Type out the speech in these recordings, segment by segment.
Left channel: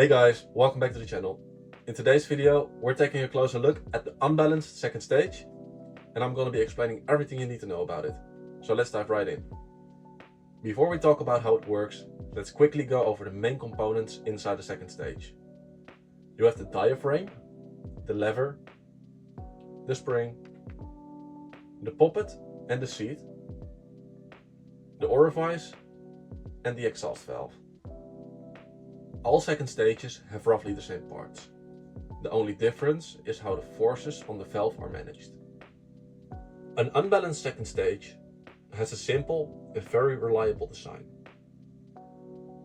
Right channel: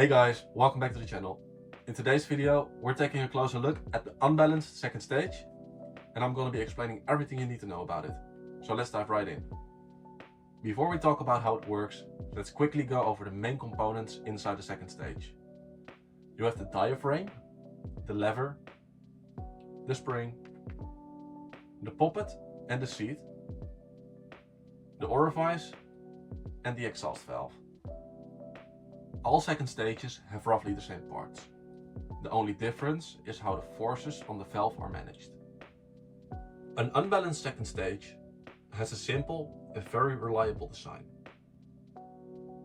Hey guys, welcome back to the channel. In today's video, we're taking a closer look at the unbalanced second stage, and I'm going to be explaining everything you need to know about it. So let's dive right in. Before we talk about how it works, let's quickly go over the main components inside the second stage. You have the diaphragm, the lever, the spring, the poppet and the seat, the orifice, and the exhaust valve. All second stages have roughly the same parts. The only difference is how the forces on the valve are managed. An unbalanced second stage has a simple and very reliable design.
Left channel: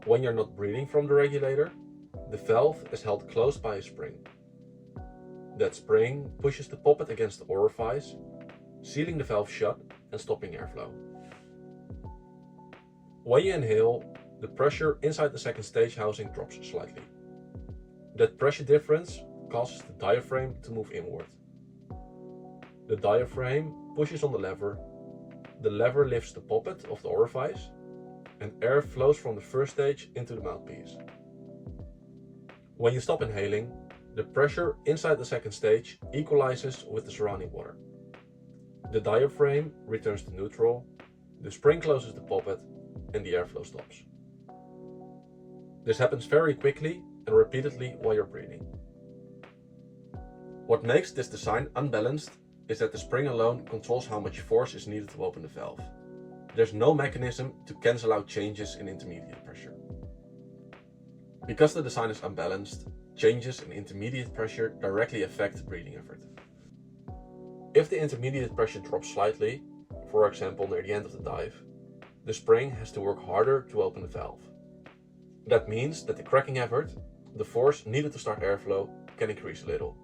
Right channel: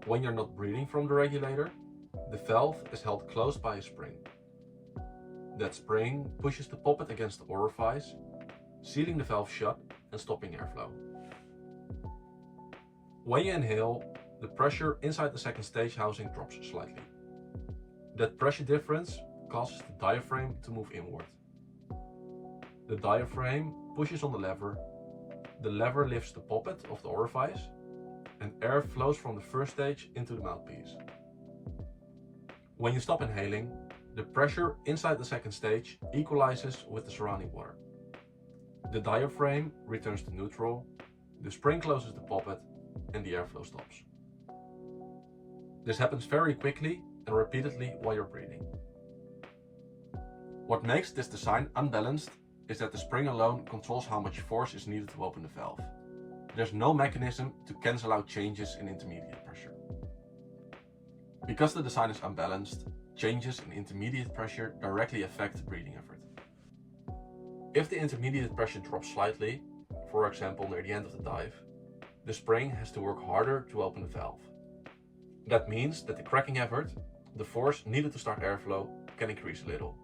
When you're not breathing from the regulator, the valve is held closed by a spring. That spring pushes the poppet against the orifice, sealing the valve shut and stopping airflow. When you inhale, the pressure inside the second stage housing drops slightly. That pressure difference causes the diaphragm to move inward. The diaphragm pushes on the lever lifts the poppet of the orifice, and air flows from the first stage into the mouthpiece. When you stop inhaling, the pressure inside the second stage equalizes with the surrounding water. The diaphragm returns to neutral, the spring closes the poppet, and the airflow stops. This happens very quickly and repeatedly while you're breathing. What makes this design unbalanced is that the spring alone controls how much force is needed to open the valve. There's no mechanism to cancel out changes in intermediate pressure. Because the design is unbalanced, changes in intermediate pressure directly affect the breathing effort. If the intermediate pressure drops slightly, for example near the end of the dive, the spring has to work harder to open the valve. That means that the cracking effort, the force needed to start airflow, can increase a little.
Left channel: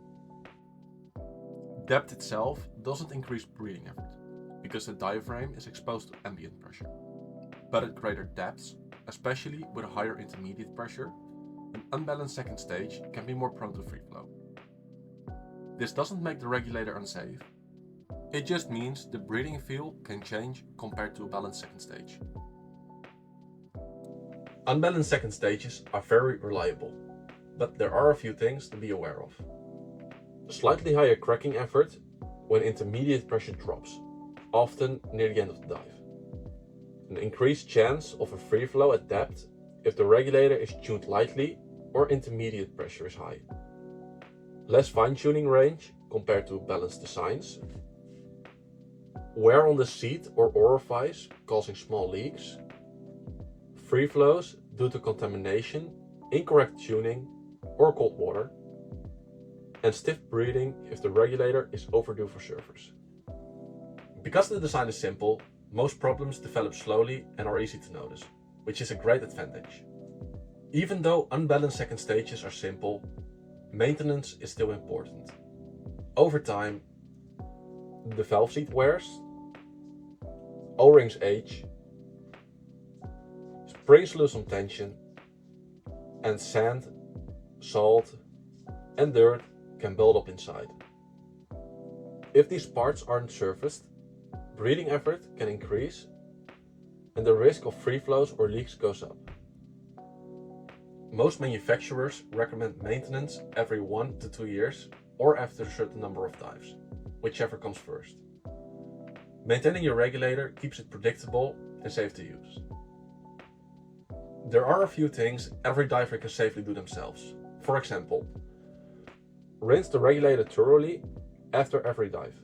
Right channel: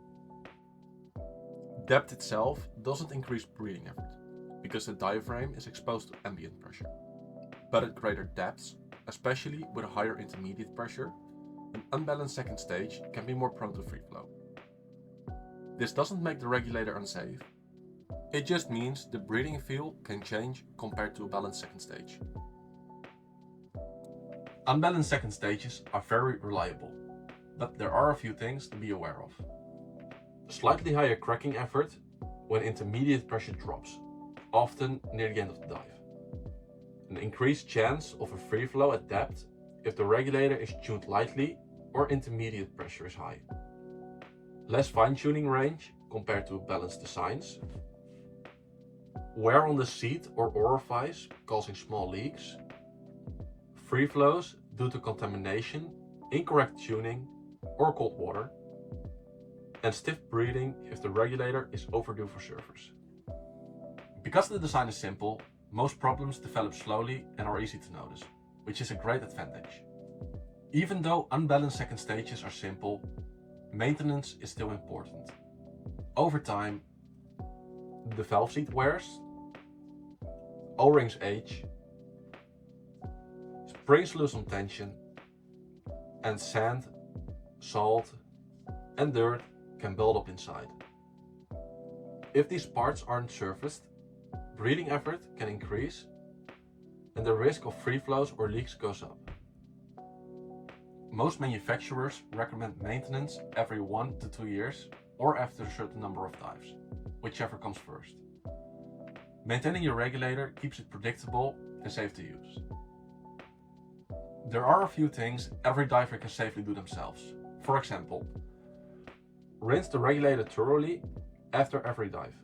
Depth itself doesn't increase breathing effort, because the diaphragm is exposed to ambient pressure. But at greater depths, especially with a higher intermediate pressure, an unbalanced second stage can be more prone to free flow. This doesn't make the regulator unsafe, it just means the breathing feel can change compared to a balanced second stage. Unbalanced second stages are very reliable, but there are a few things to be aware of. A slightly higher cracking effort when intermediate pressure drops, often near the end of the dive. An increased chance of a free flow at depth if the regulator is tuned lightly or intermediate pressure is high. Less fine-tuning range compared to balanced designs. Wear on the seat or orifice causing small leaks. Free flows due to contamination, incorrect tuning, or cold water. And stiff breathing if the regulator is overdue for service. Because the design is simple, most problems develop slowly and are easy to notice, which is a great advantage. Even though unbalanced second stages are simple, maintenance is still important. Over time, the valve seat wears, O-rings age, springs lose some tension, and sand, salt, and dirt can build up inside. If these parts aren't surfaced, breathing effort can increase and the risk of free flows or leaks goes up. Most manufacturers recommend maintenance every 1 to 2 years or after a certain number of dives, whichever comes first. Maintaining your regulator keeps it predictable and safe to use. There are a few things every diver can safely do themselves. For example, rinse the regulator thoroughly after every dive.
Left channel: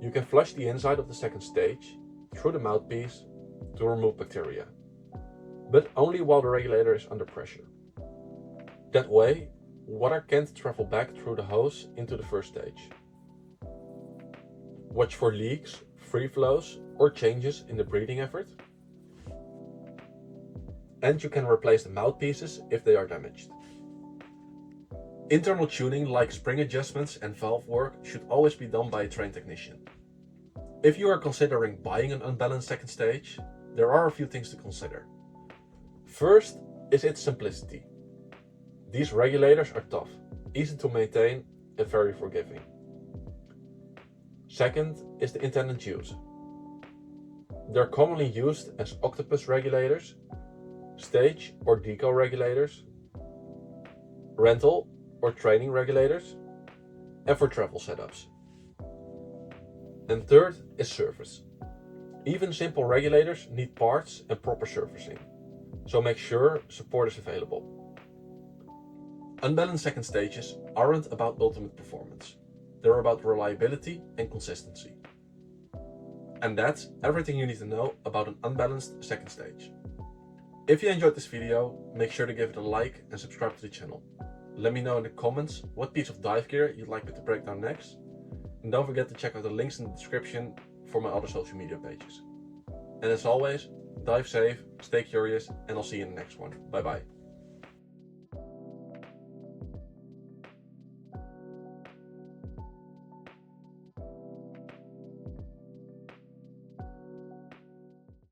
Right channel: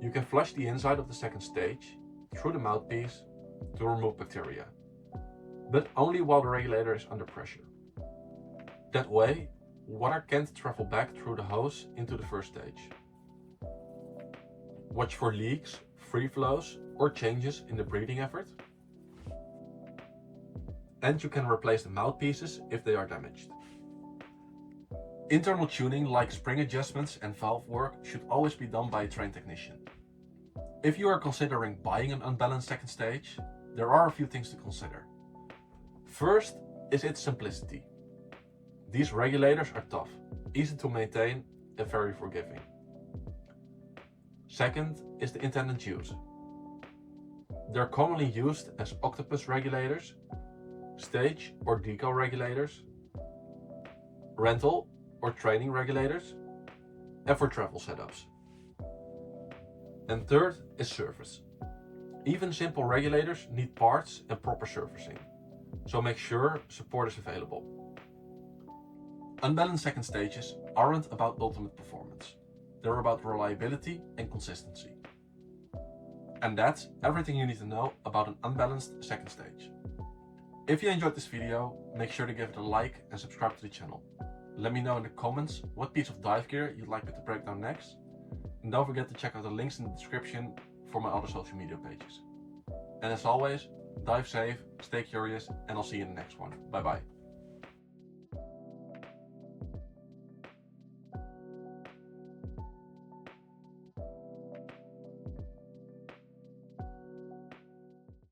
You can flush the inside of the second stage through the mouthpiece to remove bacteria, but only while the regulator is under pressure. That way, water can't travel back through the hose into the first stage. Watch for leaks, free flows, or changes in the breathing effort. And you can replace the mouthpieces if they are damaged. Internal tuning like spring adjustments and valve work should always be done by a trained technician. If you are considering buying an unbalanced second stage, there are a few things to consider. First is its simplicity. These regulators are tough, easy to maintain, and very forgiving. Second is the intended use. They're commonly used as octopus regulators, stage or decal regulators, rental or training regulators, and for travel setups. And third is service. Even simple regulators need parts and proper servicing, so make sure support is available. Unbalanced second stages aren't about ultimate performance. They're about reliability and consistency. And that's everything you need to know about an unbalanced second stage. If you enjoyed this video, make sure to give it a like and subscribe to the channel. Let me know in the comments what piece of dive gear you'd like me to break down next. And don't forget to check out the links in the description for my other social media pages. And as always, dive safe, stay curious, and I'll see you in the next one. Bye bye.